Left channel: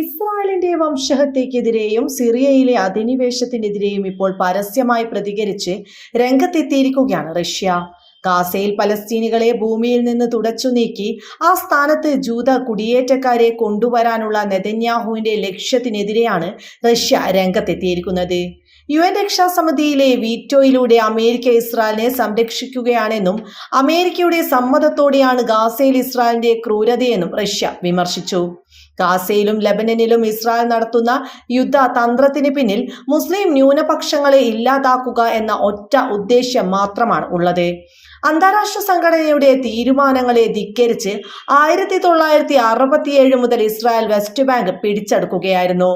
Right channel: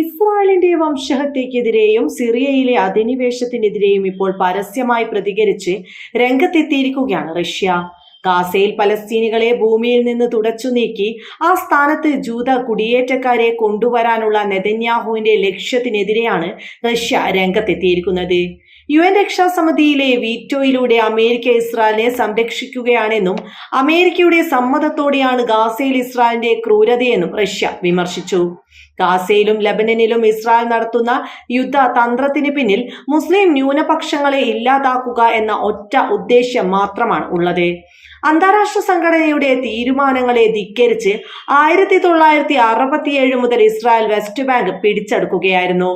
ഇസ്രായേലിന്റെ വംശഹത്യക്കെതിരെയും സിറിയയിലെ അധിനിവേശത്തിനെതിരെയും ഇപ്പോൾ പരസ്യമായി പ്രതികരിച്ച് രംഗത്തെത്തിയിരിക്കുകയാണ് റഷ്യ. ഗാസയിൽ പലസ്തീനികളെ ഭൂമിയിൽ നിന്ന് തുടച്ചു നീക്കി ആ സ്ഥാനത്ത് ജൂത കുടിയേറ്റക്കാരെ കൊണ്ടുവരാനുള്ള നെതന്യാഹുവിന്റെ ലക്ഷ്യത്തിനെതിരെയാണ് റഷ്യ രംഗത്തെത്തിയിരിക്കുന്നത്. യു എൻ രക്ഷാസമിതിയിലെ വീറ്റോയിലൂടെ അമേരിക്ക ഇസ്രായേലിനെ സംരക്ഷിക്കുകയാണെന്നും അമേരിക്കയുടെ സമ്മതത്തോടെയാണ് ഗാസയിൽ ഇസ്രായേലിന്റെ ക്രൂരതയെന്നും റഷ്യ വിമർശിച്ചു. ഗാസയിലും ലബനനിലും ഇസ്രായേൽ നടത്തുന്ന യുദ്ധ തന്ത്രത്തിന് പിന്നിൽ മുസ്ലിം ന്യൂനപക്ഷങ്ങളെ ഇല്ലാതാക്കുക എന്ന ഒറ്റ ഉദ്ദേശ്യം മാത്രമാണ് ഉള്ളത്. അന്താരാഷ്ട്ര സംഘടനയുടെ തീരുമാനങ്ങളെ ധിക്കരിച്ച് ആയിരത്തി തൊള്ളായിരത്തി അറുപത്തിയേഴ് മുതൽ ഇസ്രായേൽ വെസ്റ്റ് ബാങ്ക് പിടിച്ചെടുക്കുകയായിരുന്നു.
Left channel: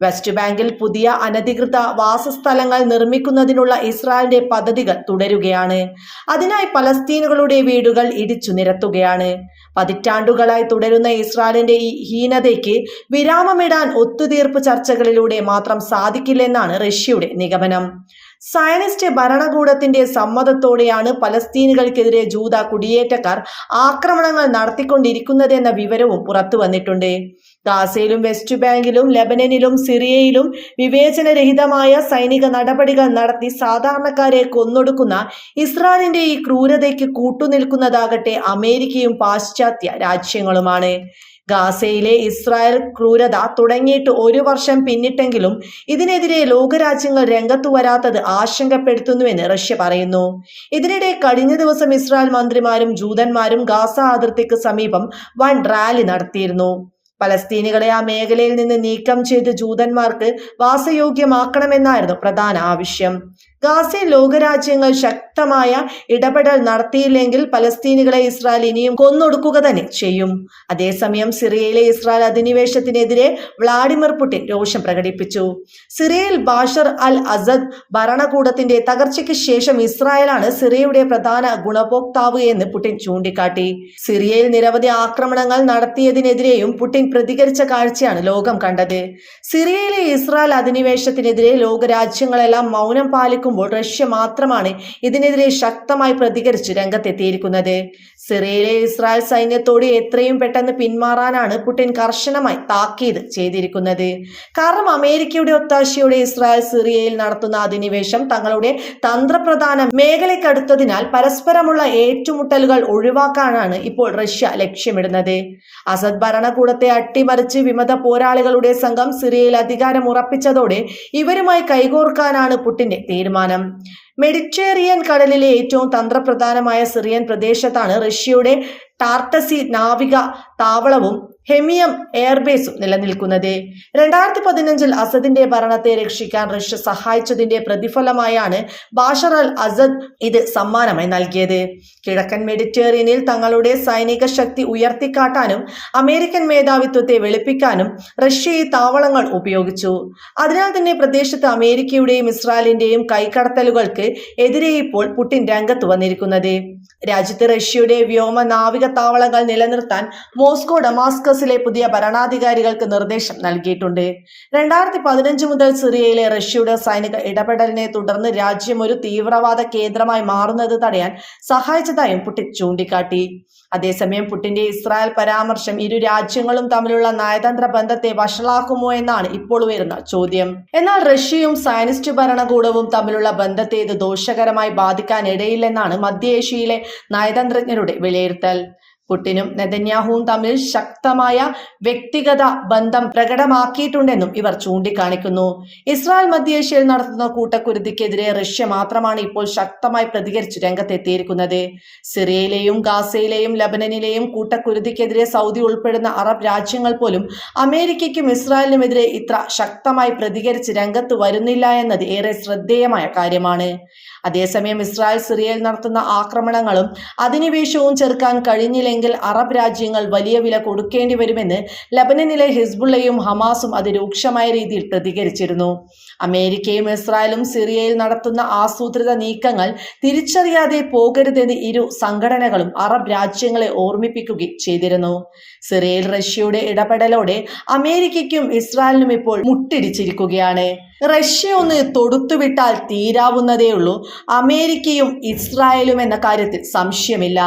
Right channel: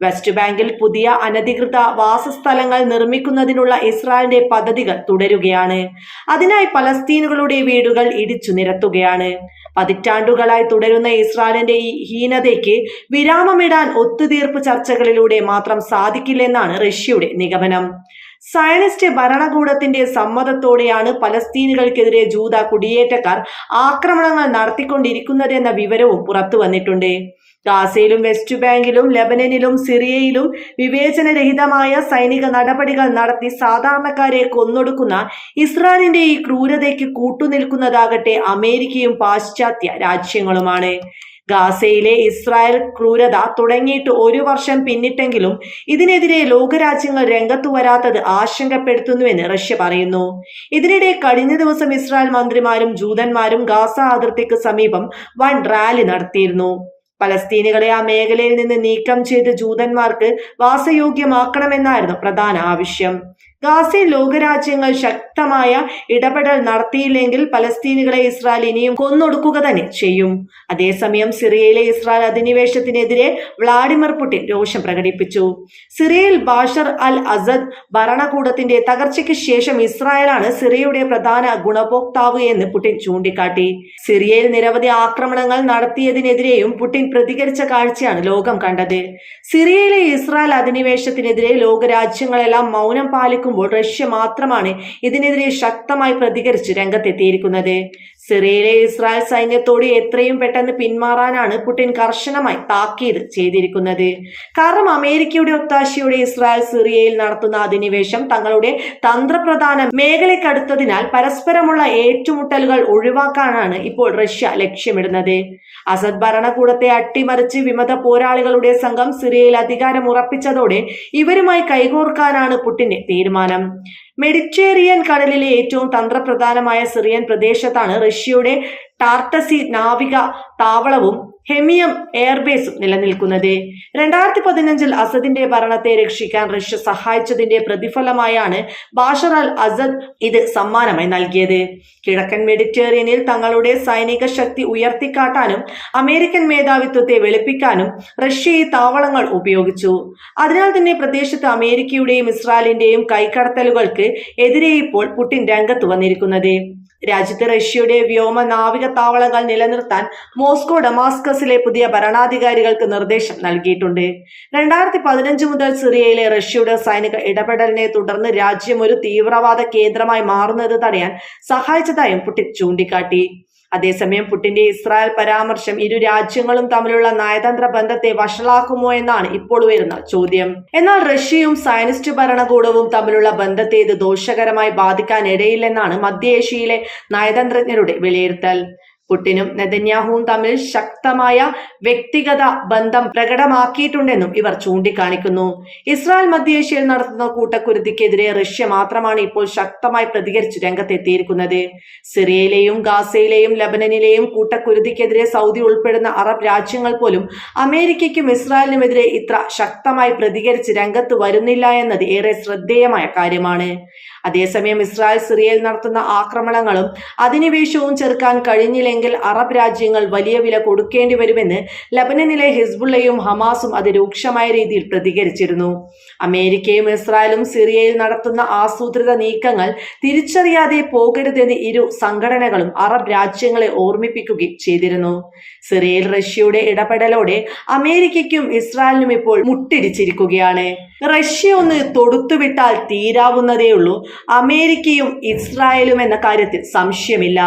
വെസ്റ്റ് ബാങ്കിൽ പുതിയ അനധികൃത വാസസ്ഥലങ്ങൾ നിർമ്മിക്കുന്നതിനുള്ള ഇസ്രായേലിന്റെ പദ്ധതികൾ തുടരുകയാണ്. അതിനായി പലസ്തീനുകളുടെ വീടുകൾ ഇടിച്ചു നിരത്തുകയാണ്. പതിറ്റാണ്ടുകളായി തുടരുന്ന ഇസ്രായേലിന്റെ ഈ ഹീനതയ്ക്ക് വിരാമമിടാൻ ഒത്തുതീർപ്പ് ചർച്ചകളിലൂടെ മാത്രം സാധിക്കില്ലെന്നാണ് റഷ്യയുടെ നിഗമനം. സയനിസ്റ്റ് ഭരണകൂടത്തിന്റെ സമ്മതത്തോടെയാണ് പലസ്തീനുകൾക്കെതിരെ ജൂത കുടിയേറ്റക്കാർ ആക്രമണങ്ങൾ നടത്തിക്കൊണ്ടിരിക്കുന്നതെന്ന വിവരവും പുറത്തു വന്നിട്ടുണ്ട്. ഗാസയിലും വെസ്റ്റ് ബാങ്കിലും ലെബനനിലും സിറിയയിലും വിവേചനരഹിതമായ സൈനിക നടപടികൾ നടത്തി സാധാരണക്കാരെ കൊന്നൊടുക്കുന്ന ഇസ്രായേലിന്റെ ഈ ക്രൂരതയ്ക്ക് കൂട്ടുനിൽക്കുന്നതാകട്ടെ അമേരിക്കയും പാശ്ചാത്യ രാജ്യങ്ങളുമാണ്. ഗാസയിലെ ഇസ്രായേൽ ക്രൂരത തുടങ്ങിയിട്ട് ഒരു വർഷം പിന്നിട്ടെങ്കിലും ഇതിനെതിരെ ലോകരാജ്യങ്ങൾ രംഗത്തു വരാത്തത് ആശങ്കപ്പെടുത്തുന്നുവെന്ന് റഷ്യ പറയുന്നു. ഇതിനിടെ കഴിഞ്ഞ ദിവസം ഇസ്രായേൽ മന്ത്രിമാരും ജൂതന്മാരും ഗാസ അതിർത്തിക്ക് സമീപം വൻ റാലി നടത്തിയിരുന്നു. പലസ്തീനികളെ ആ മേഖലയിൽ നിന്ന് നീക്കം ചെയ്ത് ജൂതന്മാർക്ക് വാസയോഗ്യമാക്കണമെന്നായിരുന്നു പ്രധാന ആവശ്യം. ഗാസയിൽ ലോകരാജ്യങ്ങൾ ശക്തമായ ഇടപെടൽ നടത്തിയില്ലെങ്കിൽ പലസ്തീനുകളെ ഇസ്രായേൽ ഇനിയും കൊന്നൊടുക്കുക തന്നെ ചെയ്യും. അതേസമയം സിറിയയിലെ ഇസ്രായേൽ അധിനിവേശത്തിനെതിരെ വ്ളാഡിമിർ പുടിൻ രോഷം പ്രകടിപ്പിച്ചു. സിറിയയിൽ ബാഷർ അൽ അസദ് ഭരണകൂടത്തിന്റെ തകർച്ചയ്ക്ക് ശേഷം ഇസ്രായേലാണ് സിറിയയുടെ പ്രധാന ഗുണഭോക്താവ് എന്ന് പുടിൻ ചൂണ്ടിക്കാട്ടി. സിറിയയിൽ നിരവധി ആക്രമണങ്ങൾ നടത്തിയതിനെതിരെയും പുടിൻ പ്രതികരിച്ച കാഴ്ചയാണ് ലോകം കണ്ടത്. സിറിയയിലെ ഇസ്രായേൽ അധിനിവേശത്തിനെതിരെ ലോകരാജ്യങ്ങളെല്ലാം മൗനം പാലിക്കുമ്പോൾ റഷ്യ മാത്രമാണ് ഇതിനെതിരെ ശക്തമായി പ്രതികരിച്ച് രംഗത്തെത്തിയിരിക്കുന്നത്. സിറിയയിലെ ഇസ്രായേൽ സൈന്യത്തോട് എത്രയും പെട്ടെന്ന് പിന്മാറാനാണ് പുടിൻ കർശനമായി താക്കീത് ചെയ്തിരിക്കുന്നത്. കാരണം അമേരിക്കയുടെ ഒത്താശയോടെ ഇസ്രായേൽ സിറിയയിൽ നടത്തുന്ന അധിനിവേശം തങ്ങളുടെ തന്ത്രപ്രധാന മേഖലയ്ക്കടുത്തതിനാൽ പരസ്പരമുള്ള ഏറ്റുമുട്ടലുകൾ ഒഴിവാക്കാനാണ് ഇപ്പോൾ റഷ്യ ലക്ഷ്യമിടുന്നത്. അസദ് ഭരണകൂടത്തെ അട്ടിമറിച്ച് വിമത പോരാളികളുടെ സംഘം സിറിയയിൽ അധികാരം ഉറപ്പിച്ചതോടെ ഇവരുമായി കൈകോർക്കാനാണ് പുടിന്റെ തീരുമാനം. മെഡിറ്ററേനിയൻ കടലിലെ ഏറ്റവും തന്ത്രപ്രധാനമായ സിറിയൻ പ്രദേശത്താണ് റഷ്യയുടെ ടാർട്ടസി നാവിക താവളവും ഹെമിയം എയർബേസും നിലനിൽക്കുന്നത്. രണ്ടായിരത്തി പതിനഞ്ചിൽ അസദിന്റെ ഭരണത്തെ രക്ഷിക്കാൻ റഷ്യ സഹായിച്ചതിന്റെ പ്രതിഫലമായാണ് ബാഷർ അൽ അസദ് ഇത് സമ്മാനമായി നൽകിയത്. കിഴക്കൻ മെഡിറ്ററേനിയനിൽ തങ്ങളുടെ സൈനിക ശക്തി ഉയർത്തിക്കാട്ടാനും അമേരിക്കൻ മേധാവിത്വത്തെ വെളുപ്പിക്കാനും റഷ്യ ഈ താവളങ്ങൾ ഉപയോഗിച്ചു. അതിനാൽ തന്നെ പ്രദേശത്ത് അമേരിക്കയുടെയും ഇസ്രായേലിന്റെയും കൈക്കടത്തലുകൾക്ക് എതിരെ ഇപ്പോൾ പുടിൻ രംഗത്ത് വന്നിരിക്കുന്നത്. രാജ്യത്ത് റഷ്യയുടെ വ്യോമ നാവിക താവളങ്ങൾ നിലനിർത്താൻ മോസ്കോ ഡമാസ്കസിലെ പുതിയ ഭരണാധികാരികൾക്ക് നിർദ്ദേശം നൽകിയിട്ടുണ്ട്. രണ്ടായിരത്തി പതിനഞ്ച് മുതൽ സിറിയയിലെ റഷ്യയുടെ സൈനിക ഇടപെടലിനെ തുടർന്ന് രാജ്യം ഒരു തീവ്രവാദ കേന്ദ്രമായി മാറുന്നത് തടയാൻ സഹായിച്ചതായും പുടിൻ ചൂണ്ടിക്കാട്ടി. അതേസമയം പുട്ടിന്റെ ഇസ്രായേൽ പരാമർശം ഇരു രാജ്യങ്ങളും തമ്മിലുള്ള നയതന്ത്ര ബന്ധത്തെ വഷളാക്കുമോ എന്നാണ് ഇപ്പോൾ ഉയരുന്ന ചോദ്യം. എന്നാൽ റഷ്യയും സയനിസ്റ്റ് ഭരണകൂടവും തമ്മിലുള്ള ബന്ധത്തെ ഇത് ദോഷകരമായി ബാധിക്കാനിടയില്ലെന്നാണ് മധ്യേഷ്യയിലെ നയതന്ത്രജ്ഞരുടെ വിലയിരുത്തൽ. പുട്ടിനും നെതന്യാഹുവും തമ്മിൽ ശക്തമായ വ്യക്തിഗത ബന്ധം പ്രകടമാക്കിയിട്ടുണ്ടെന്നും ഇവർ ചൂണ്ടിക്കാണിക്കുന്നു. ഇസ്രായേൽ മധ്യേഷ്യയിൽ നടത്തുന്ന കൂട്ടക്കുരുതിക്കെതിരെ റഷ്യ മാത്രമാണ് ഇപ്പോൾ ശക്തമായി പ്രതികരിച്ച് രംഗത്തെത്തിയിരിക്കുന്നത്. സിറിയയിലെയും ഗാസയിലെയും ലബനനിലെയും കൂട്ടക്കുരുതിക്കെതിരെ സൗദി ഉൾപ്പെടുന്ന അറബ് രാജ്യങ്ങൾ പോലും അമേരിക്കയ്ക്കും ഇസ്രായേലിനുമെതിരെ ഇത്ര ശക്തമായി പ്രതികരിച്ച് രംഗത്ത് വരുന്നില്ല എന്നത് ഏറെ ശ്രദ്ധേയമായ കാര്യമാണ്. അതേസമയം ഇസ്രായേൽ സിറിയയിൽ നടത്തുന്ന ആക്രമണങ്ങളും അധിനിവേശവും ചെറുക്കാൻ കഴിഞ്ഞില്ലെങ്കിൽ അറബ് രാജ്യങ്ങൾ വലിയ വില കൊടുക്കേണ്ടി വരുമെന്ന് ലബനനിലെ ഹിസ്ബുള്ളയും ഹമാസും അതിരൂക്ഷമായ രീതിയിൽ പ്രതികരിച്ചിരുന്നു. അമേരിക്കയും ഇസ്രായേലും സിറിയയിൽ നടത്തുന്ന ആസൂത്രിത നീക്കങ്ങൾ തിരിച്ചറിയാതെ പോകരുതെന്ന് ഇരു സംഘടനകളും അറബ് രാജ്യങ്ങളെ ഓർമ്മിപ്പിക്കുകയും ചെയ്തിരുന്നു. സിറിയയിൽ റഷ്യയുടെ ഇടപെടലോടെ അമേരിക്കയ്ക്കും ഇസ്രായേലിനും ഇപ്പോൾ മുട്ടിടിച്ചിരിക്കുകയാണ്. റഷ്യ ഒന്ന് തൊടുത്തുവിട്ടാൽ തീരാവുന്നതേയുള്ളൂ. അമേരിക്കയും ഇസ്രായേലും എന്ന കാര്യത്തിൽ സംശയമില്ല.